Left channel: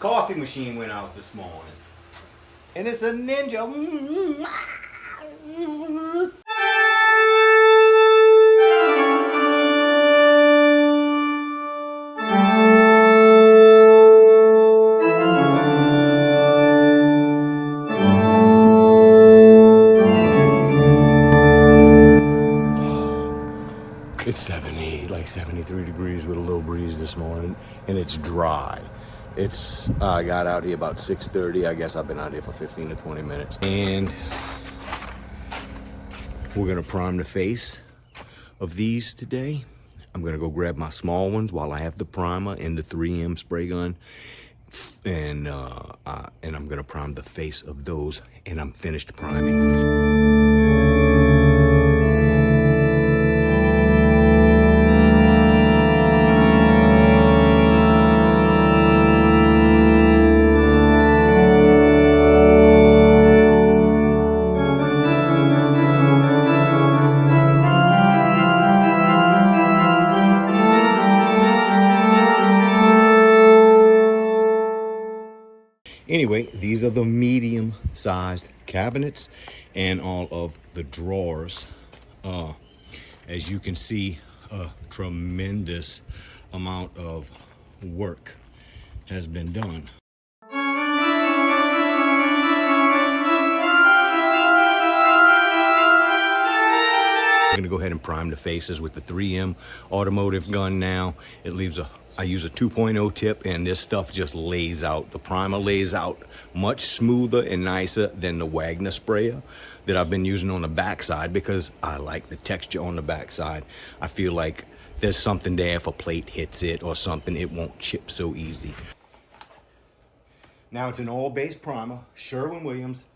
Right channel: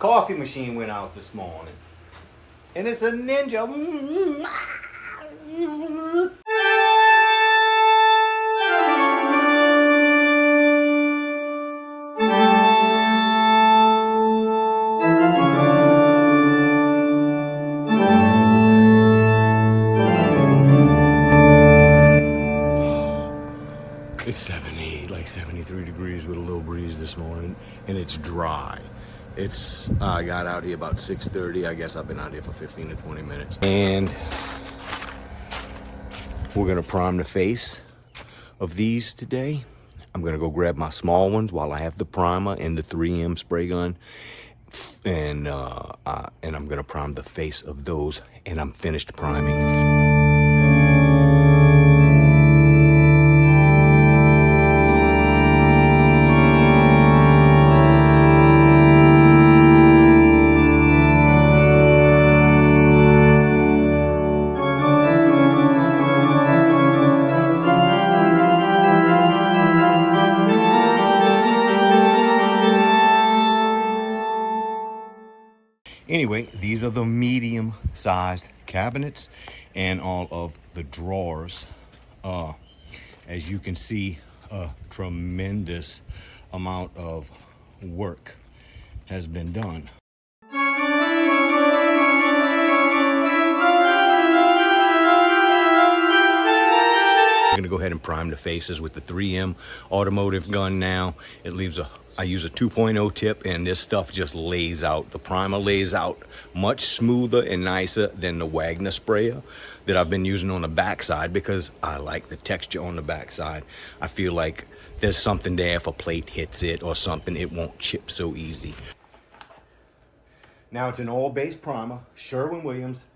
Coffee machine went out this morning. And it's a Ninja. It's 73 degrees with a little breeze this morning, and it's dry. I got out here about 6:30. I guess I've been out here for 15 to 20 minutes. And we're gonna prime the face of these today. I'm gonna go grab my small ones while I have the primer and the 3M spray gun. And I'm gonna prime the face of those, and I'm finished priming. Anyway, these are the medium-sized cabinets and all of the drawers. As you can see, a tremendous amount of work has been done. I'm gonna go ahead and prime the faces with the 3M automotive gun now. I use a 2.0 tip, and this stuff just lays out. The primer lays out much smoother and nicer than the Wagner sprayer that I've been using on the backside, because I like the texture on the backside. I feel like there's something there. If a plate hits it or something, it won't chip so easy. Now it's an oil-based primer, Sherwin-Williams,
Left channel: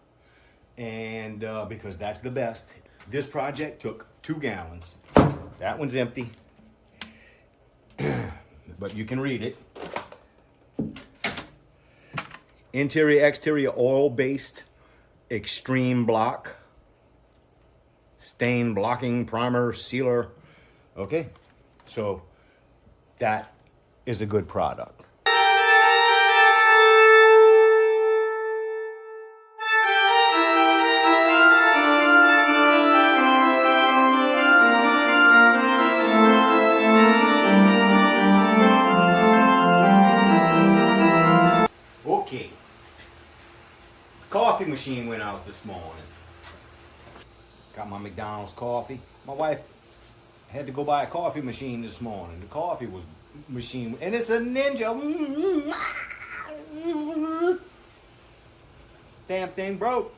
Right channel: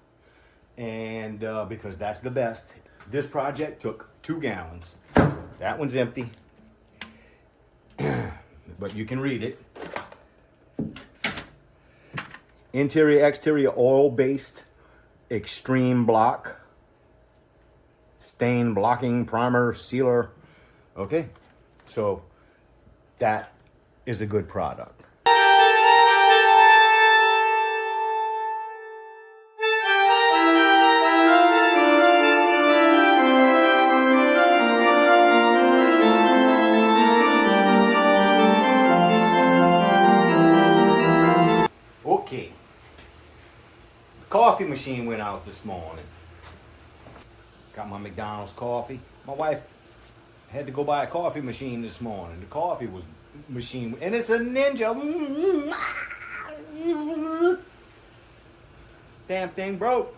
and because that's the best. This project took 2 gallons. That one's empty. But you can read it. Interior, exterior, oil-based, extreme block, stain blocking primer, sealer. Okay, so that is a good product. Okay, coffee machine went out this morning. Got my McDonald's coffee. My wife had to go buy a coffee machine this morning. The coffee machine, and it's a Ninja. Damn thing broke.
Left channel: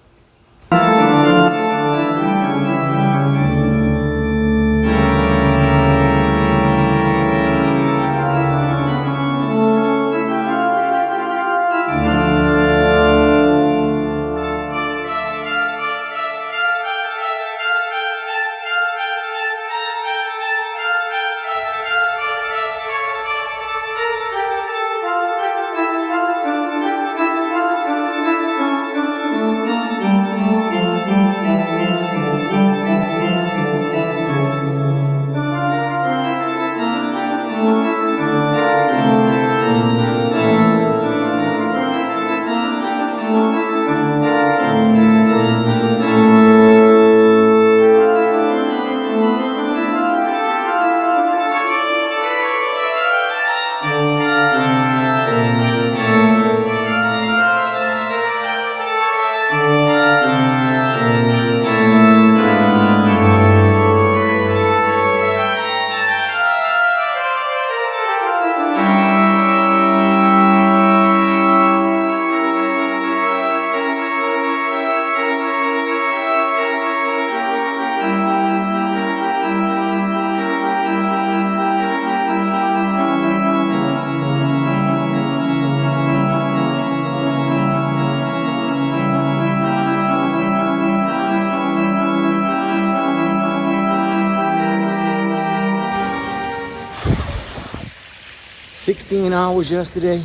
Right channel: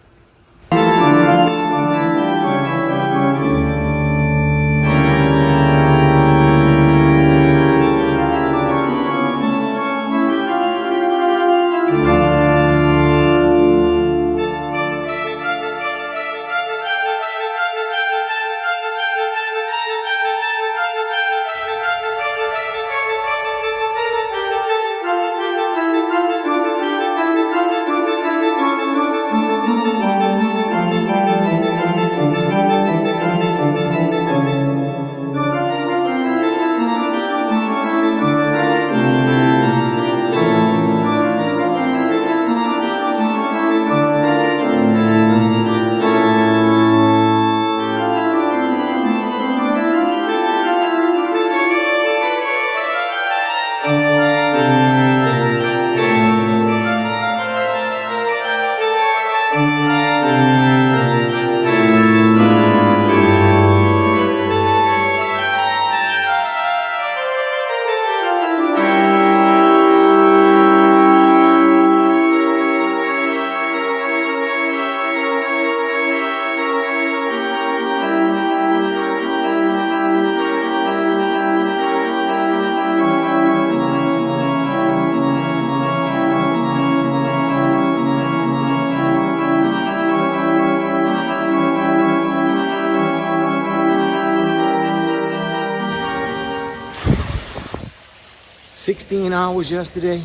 $16 hours yesterday,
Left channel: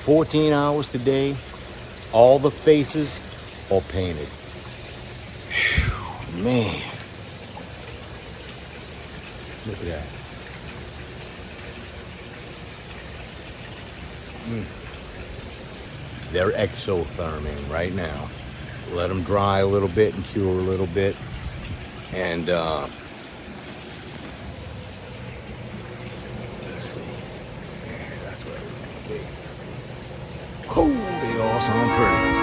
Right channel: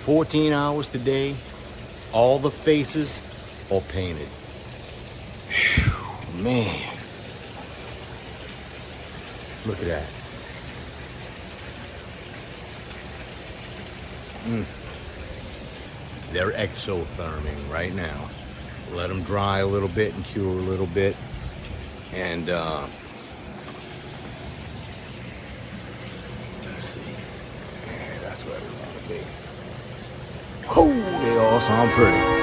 14 hours today. All the faces are painted. Whew, man. Look at that. They're exotherming right now. Let them dry a little bit and cure a little bit. And let's see. Yeah, that's where we want to be. Oh, they all sound pretty.